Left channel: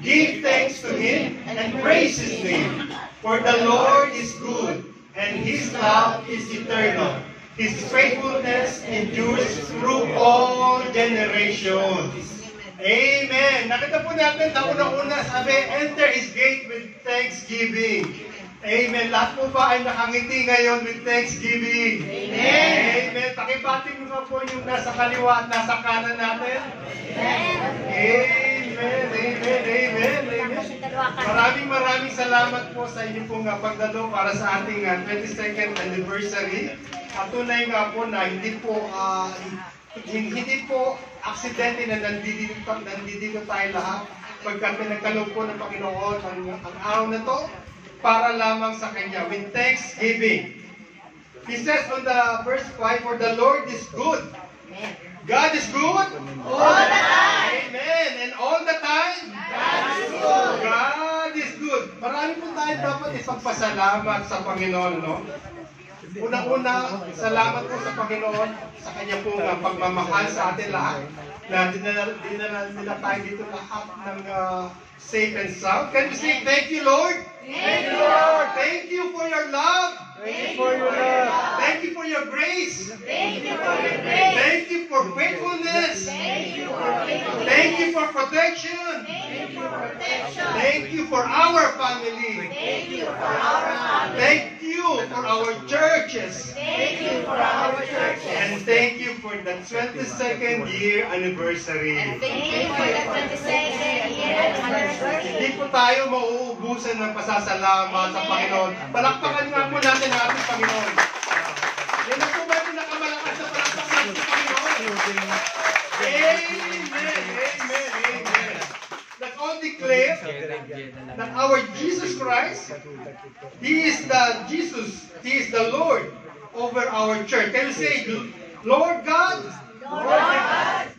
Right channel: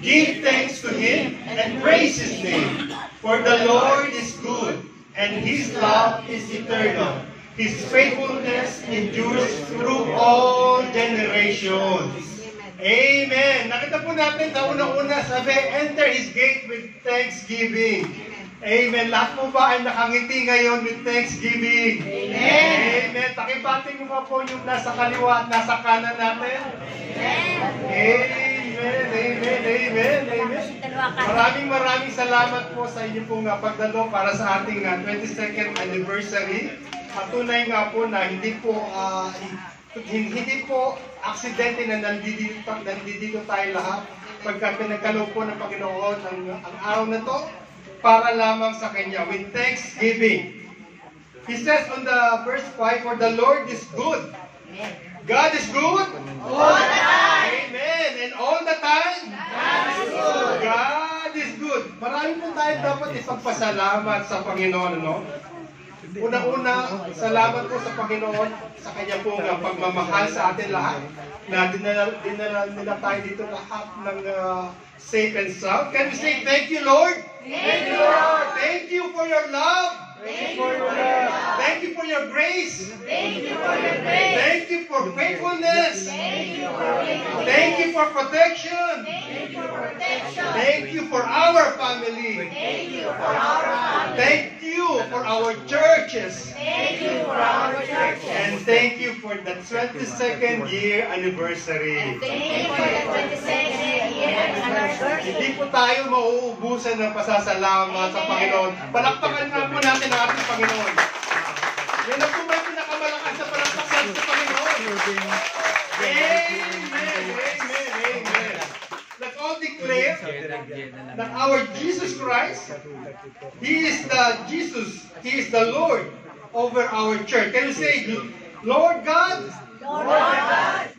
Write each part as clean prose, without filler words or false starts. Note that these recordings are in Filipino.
Give thanks to Him and praise His name. For the Lord is good, and His love is eternal. His faithfulness endures through all generations. Amen. Nakita po natin sa unang-una, sabi, enter His gate with thanksgiving. Amen. Lahat po ba ay nakangiti ngayon with thanksgiving? Amen. Amen. Pakipating mo nga po yung nasa kaliwa at nasa kanan natin. Amen. Amen. Amen. Amen. Amen. Maraming salamat po sa inyo pong pagdalo para sa ating 22nd anniversary. At tunay nga po na hindi po aksidente na nandito tayo lahat. Pagka pinagkaloob po ng Panginoon ang araw na to para lamang sa Kanya with thanksgiving. He says on the verse 5, for the Lord is good. God is good all the time. Amen. And all the time, God is good. God is good. Marami po tayo dapat ipagpasalamat sa Panginoon, no? Unang-una, salamat po sa Panginoon sa Kanya pong pagmamahal sa atin lahat na dinala nila tayo dito lahat ng safe and sound. Can we say, thank you, Lord? Thank you, Lord. Thank you for your love. Thank you for your love. Thank you for your grace. Thank you for your grace. Thank you for faithfulness. Thank you for faithfulness. Thank you for protection. Thank you for protection. Thank you for our family. Thank you for our family. Thank you for our churches. Thank you for our churches. And thank you for the 22nd year anniversary. And thank you for the 22nd year anniversary. Hindi po tayo mauubusan ng pasasalamat sa Panginoon. Palakpakan nga po natin ang ating Panginoon. Yan ang po may pinakamalakas na palakpakan sa Panginoon. Amen. Amen. Amen. Let's all declare that our Jesus Christ, He is the Jesus, He is the Lord over our church. Can you say, Lord God,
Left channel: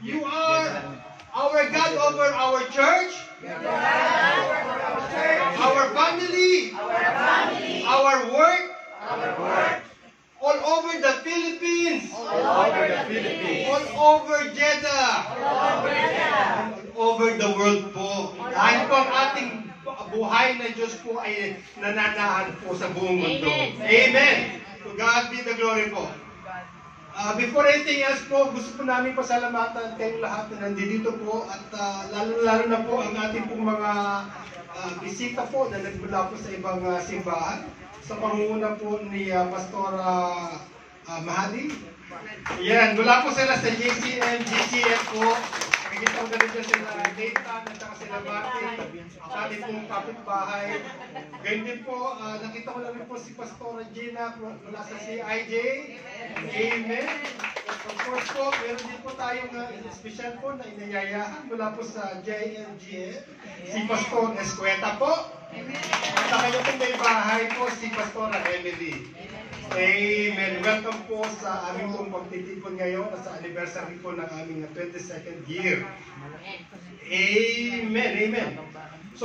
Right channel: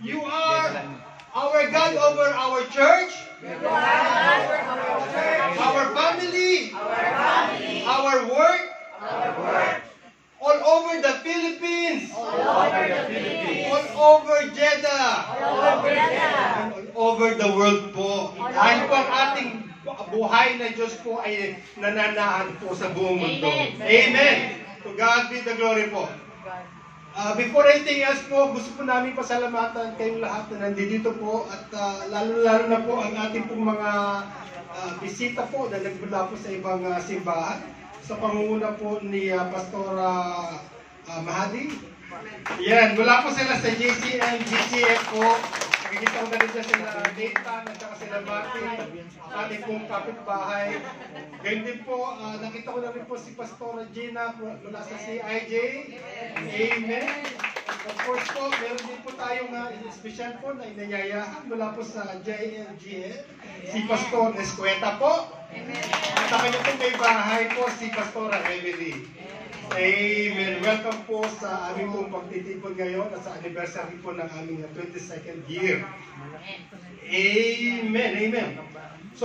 you are our God over our church, our family, our work, all over the Philippines, all over Jeddah, and all over the world po. Dahil po ang ating buhay na Diyos po ay nananaan po sa buong mundo. Amen. To God be the glory po. Before anything else po, gusto po namin pasalamatan kayong lahat na nandito po at lalo-lalo na po ang ating pong mga bisita po na nagmula po sa ibang simbahan. Sa pangunguna po ni Pastora Mahadi. Yan, mula po sila sa JCM, GCF po. Nakikita ko na rin sila Nathan at saka sila Martin, ang ating pong kapitbahay. Ganyan din po, nakita ko na rin po si Pastora Gina mula sa CIJ. Amen. Of course po, meron din po tayong special po na inayayahan mula po sa JLGF. Si Pastor Escueta po. At ang kanyang may bahay po si Pastora Emily. Amen. Welcome po sa aming pong pagtitipon ngayon at sa anniversary po ng aming 22nd year. Amen. Amen. So,